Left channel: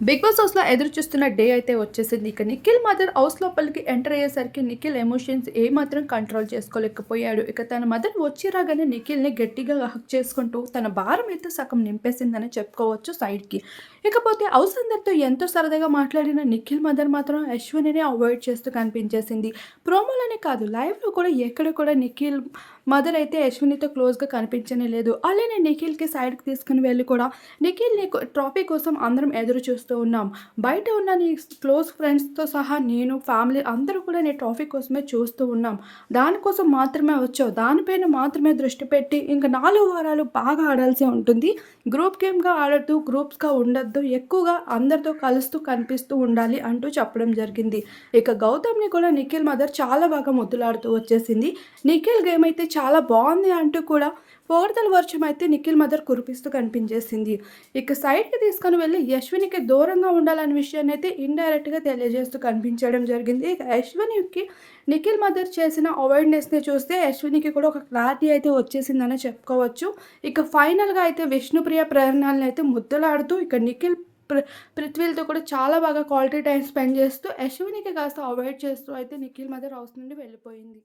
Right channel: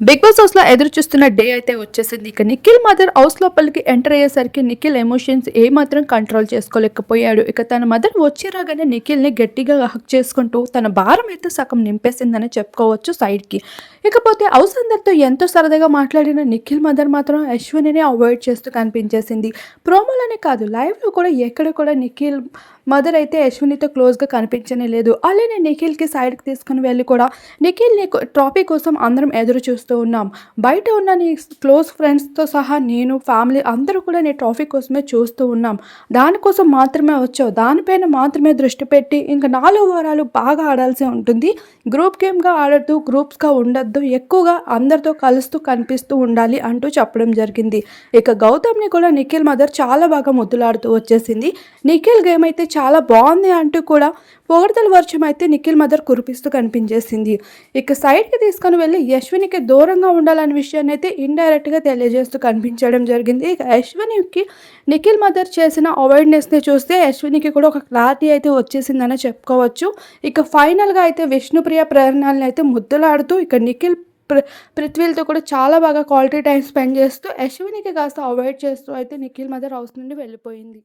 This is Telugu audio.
బిగ్ బాస్ హౌస్లో ఎదురు చూస్తున్న డే అయితే వచ్చేసింది. ఇక నిఖిల్ మదర్ హౌస్ లోపలికి ఎంటర్ అయ్యేసరికి నిఖిల్ ఎమోషన్స్ ఏ మాత్రం కంట్రోల్ చేసుకోలేకపోయాడు. ఇక తన మదర్ వచ్చి రాగానే నిఖిల్ని గట్టిగా హక్ చేసుకుంటూ తన భారం అయితే సగం నింపేసిందని చెప్పుకోవచ్చు సైడ్కి ఇకపోతే ఔసందర్తో ఎంతో సరదాగా మాట్లాడిన నిఖిల్ మదర్ మాత్రం అశ్వినిని అవాయిడ్ చేస్తూ కనిపించేసింది. ప్రోమోలోనే కాదు లైవ్లో కూడా ఎక్కడ కూడా నిఖిల్ మదర్ అయితే అశ్వినితో క్లోజ్గా కనిపించనే లేదు. అలానే నిఖిల్కి సైడ్కి తీసుకుని వెళ్ళి కూడా నిఖిల్ ట్రాఫీ కోసం అందరం ఎదురు చూస్తూ ఉన్నాం. బయట ఉన్న నీ క్లోజ్ ఫ్రెండ్స్తో సహా నేను ఫ్యామిలీ అందరూ కూడా నీ ట్రాఫీ కోసమే చూస్తూ ఉన్నాం. దానికోసం మాత్రమే వచ్చావు. దానిపైన మాత్రమే దృష్టి పెట్టి ఇంకా నాలుగు వారాలు బాగా ఆడాల్సి ఉంటుంది. గ్రూప్ గేమ్గా ఆడద్దు గ్రూప్స్గా ఉండద్దు ఎక్కువగా అందరితో కలుస్తూ కనిపిస్తూ ఉండాలి అంటూ చెప్పడం జరిగింది. ఇక గౌతమ్ని కూడా నిఖిల్ మదర్ చాలా బాగా ముద్దులాడుతూ వచ్చేసింది. నిఖిల్ గేమ్ అయితే చాలా బాగుంది అంటూ కూడా పొగడతల వర్షం అయితే నిఖిల్ మదర్ కురిపిస్తూ కనిపించేసింది. ఇక సైడ్కి తీసుకొని వెళ్ళి యశ్వినికి దూరంగా ఉండాలనే విషయాన్ని అయితే ఇండైరెక్ట్గా తెలియజేస్తూ కనిపించడం జరిగింది. ఇక యశ్వినికి నిఖిల్ మదర్ చేసిన అవాయిడ్నెస్ని చూస్తే యశ్వినికి కూడా ఒక క్లారిటీ అయితే వచ్చేసిందని చెప్పుకోవచ్చు. ఇక ఫైనల్గా అయితే విష్ణుప్రియ ప్రేరణల్ని అయితే ముద్దలాడుతూ ఇక నిఖిల్ ప్ర పృథ్వీలతో కూడా చాలా బాగా క్వాలిటీ టైం స్పెండ్ చేస్తూ యశ్వినికి కాస్త అవాయిడ్ చేస్తూ అయితే నిఖిల్ మదర్ హౌస్ నుండి వెళ్ళిపోయింది.